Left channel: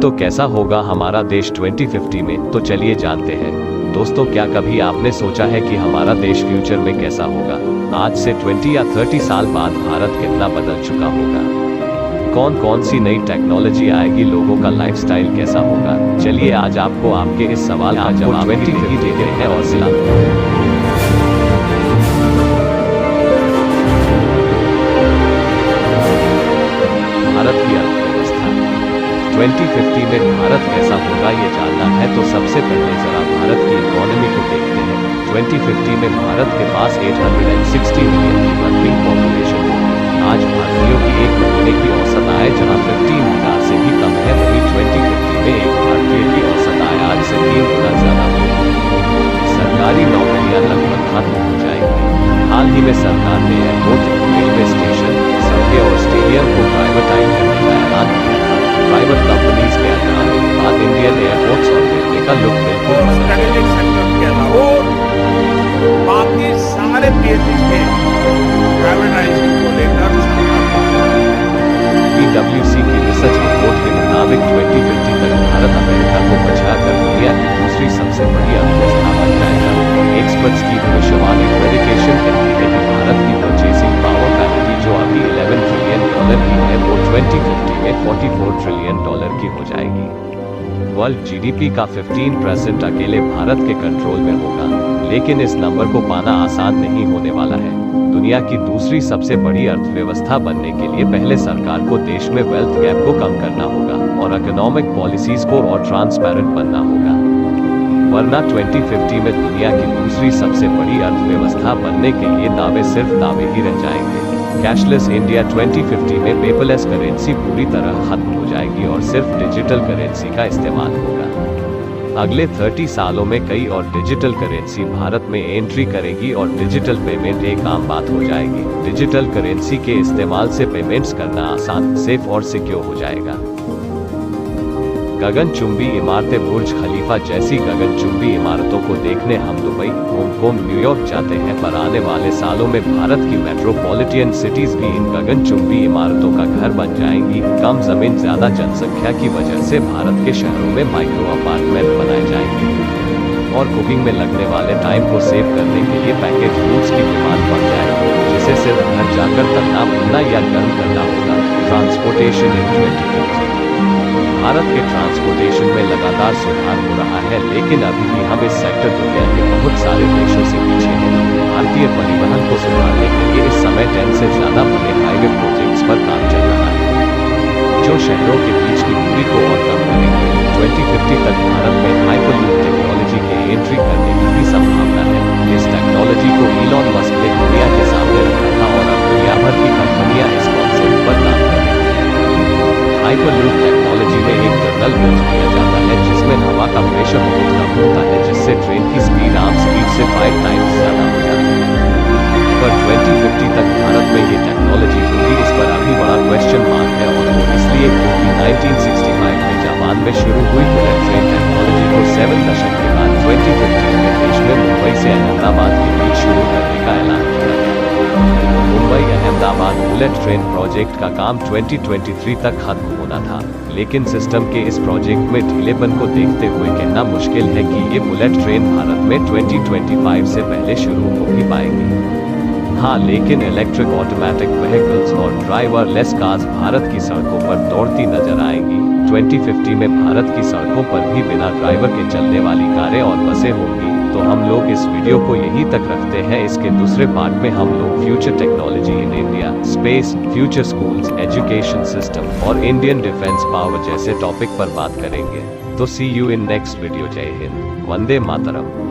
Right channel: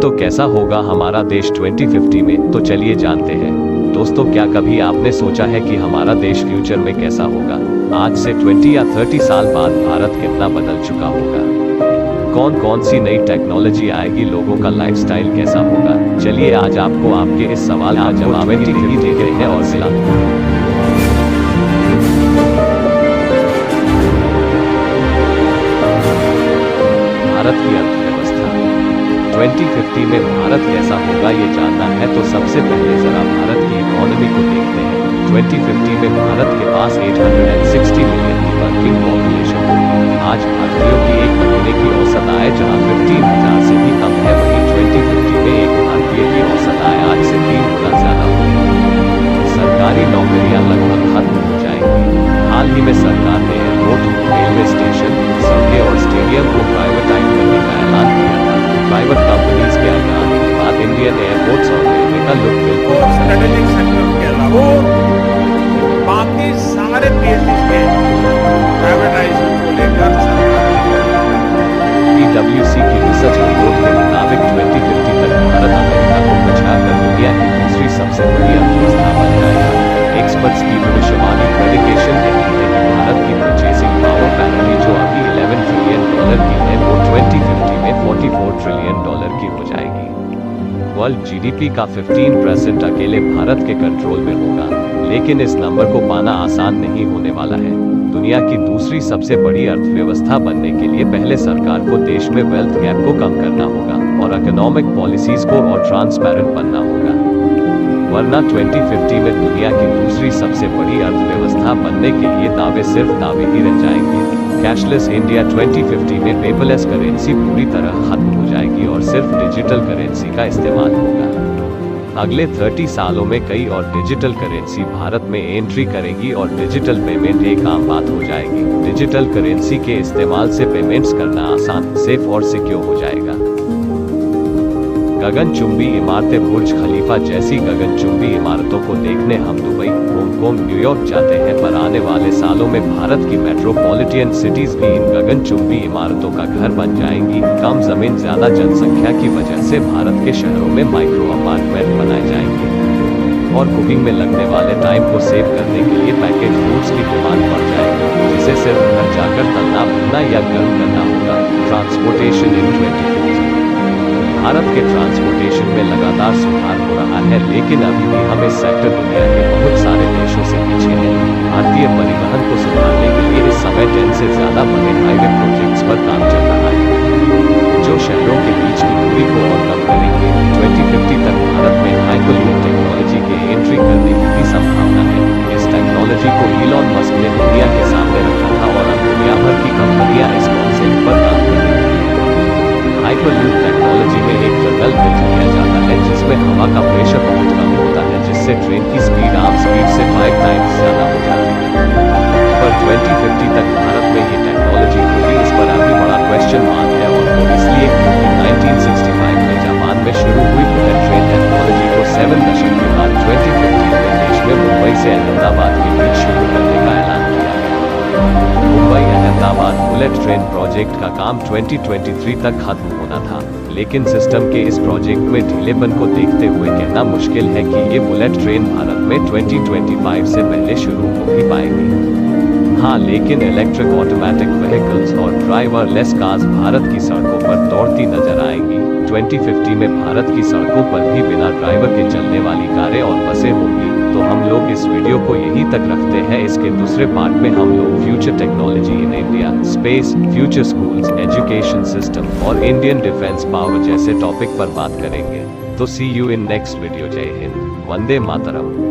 तो कैसा होगा हमारा देश 2050 में, तो चलिए जानते हैं। दोस्तों, क्या कभी आपने सोचा है कि हमारा देश फ्यूचर में कैसा होगा? आज से 20 या 30 साल बाद भारत कितना बदल चुका होगा? कौन कौन सी नई टेक्नोलॉजी आएगी? लोगों का लाइफस्टाइल कैसा होगा? चलिए आज आपको आपके इस सवाल का जवाब ही देते हैं और भारत की अर्थव्यवस्था 2050 में भारत कैसा होगा ये जानना है तो सबसे पहले जरा भारत की इकोनॉमी को देखते हैं। 2050 में भारत के पास 860 मिलियन की वर्किंग पॉपुलेशन होगी। आज भारतीयों की एक महीने की औसत आय जहां 15,000 से भी कम है, वहीं 2050 में एक भारतीय की औसत आय आज से 3 गुना ज्यादा होगी। सरकारी नौकरियां लगभग खत्म हो जाएंगी। हाल ही में सरकार ने एयरपोर्ट, रेलवे स्टेशन, सड़कें और स्टेडियम को प्राइवेटाइज करने का ऐलान किया था। प्राइवेट कंपनीज के अंदर आने के बाद इंडियन एयरपोर्ट्स और रेलवे का लुक बिल्कुल स्ट्रेटेजिक सेक्टर के अलावा बाकी सारे पीएससी के प्राइवेटाइजेशन को लेकर PwC की रिसर्च रिपोर्ट के मुताबिक 2050 तक भारत अमेरिका को बचाकर दुनिया की दूसरी सबसे बड़ी अर्थव्यवस्था बन जाएगा। एक्सपर्ट्स की भविष्यवाणी प्रेडिकेशन कहती है कि भारत की परचेजिंग पावर पैरिटी जो अभी $11 ट्रिलियन की है, वो 2050 में $44 ट्रिलियन की हो जाएगी। वर्ल्ड GDP का 15% अकेले भारत के कंट्रोल में होगा, लेकिन इस नंबर को पाना आसान नहीं होने वाला है। दुनिया की दूसरी सबसे बड़ी अर्थव्यवस्था बनने के लिए पहले सरकार को देश में वेल्थ गैप को कम करना होगा और इकोनॉमिक पॉलिसीज को और ट्रांसपेरेंट बनना होगा, वरना 2050 में दुनिया की दूसरी सबसे बड़ी अर्थव्यवस्था बनने के लिए दावे सिर्फ दावे ही रह जाएंगे। कैशलेस इंडिया 2050 में पेपरलेस करेंसी पूरी तरह खत्म हो जाएगी और सिर्फ डिजिटल करेंसी का इस्तेमाल होगा। अगले 30 सालों में कई और डिजिटल करेंसी भारत में एंट्री करेगी और डिजिटल पेमेंट एक आम बात हो जाएगी। डिजिटल करेंसी के इस्तेमाल से पेमेंट्स करना आसान, सेफ और सिक्योर हो जाएगा। गगनचुंबी इमारतें, बुर्ज खलीफा जैसी गगनचुंबी इमारतों को देखने हम दुबई, हांगकांग, न्यूयॉर्क जाते हैं, पर आने वाले सालों में भारत की मेट्रोपॉलिटन सिटीज भी इन गगनचुंबी इमारतों का घर बन जाएंगी। कम जमीन, ज्यादा जनसंख्या की वजह से भारत के शहरों में माइक्रो अपार्टमेंट बनाए जाएंगे और कुकिंग में लगने वाले टाइम को सेव करने के लिए पैकेज फूड्स की डिमांड बढ़ जाएगी, जिसे सिर्फ घर जाकर तलना, भुनना या गर्म करना होगा। ट्रांसपोर्टेशन इन 2050 भारत के ट्रांसपोर्टेशन में लगातार सुधार हो रहा है, लेकिन अभी भी हम इस सेक्टर दुनिया के बहुत सारे देशों से पीछे हैं। भारतीय परिवहन को सुधारने के लिए इस समय 10 से ज्यादा बड़े हाईवे प्रोजेक्ट्स पर काम चल रहा है, जो शहरों के बीच की दूरी को और कम करेंगे। 2050 तक भारत में हाइपरलूप टेक्नोलॉजी के एंट्री करने की भी संभावना है। इस टेक्नोलॉजी को इलॉन मस्क ने दुनिया के सामने रखा था और अब दुनिया भर की कंपनियां इस कॉन्सेप्ट पर काम कर रही हैं। हाइपरलूप टेक्नोलॉजी में एक टनल बिल्ड किया जाता है जिसमें हवा का प्रेशर बहुत कम होता है, जिससे ट्रेन की स्पीड आम स्पीड से 5 टाइम्स ज्यादा हो जाती है। पर 2050 तक भारत में ये टेक्नोलॉजी होगी, इस पर अभी बड़ा क्वेश्चन मार्क है, और वो इसलिए क्योंकि 1965 में जापान में शुरू हुई बुलेट ट्रेन टेक्नोलॉजी को 7 दशक के बाद 2015 में देश में मुंबई से अहमदाबाद के बीच शुरू करने का ऐलान किया गया। Mumbai Ahmedabad bullet train project का काम 2023 तक खत्म होना था, लेकिन सिस्टम के इस प्रोजेक्ट में ढीलेपन को देखते हुए कहना मुश्किल है कि ये बुलेट ट्रेन भारत में 2025 से पहले शुरू हो भी पाएंगी। हाँ, लेकिन इलेक्ट्रिक ऑटोमेटिक व्हीकल्स और ड्राइवरलेस कार्स भारत की सड़कों पर दौड़ती नजर आएंगी। 2050 में भारत की सड़कों पर भी बिना ड्राइवर के चलने वाली कारें और बसें होंगी। तो हम लोग इस वीडियो को यहीं तक रखते हैं। इसके दूसरे पार्ट में हम लोग future technology in India, space, future schools, education system और इंडियन डिफेंस पावर जैसे टॉपिक पर बात करेंगे। तो सी यू इन नेक्स्ट वीडियो। जय हिंद, वंदे मातरम।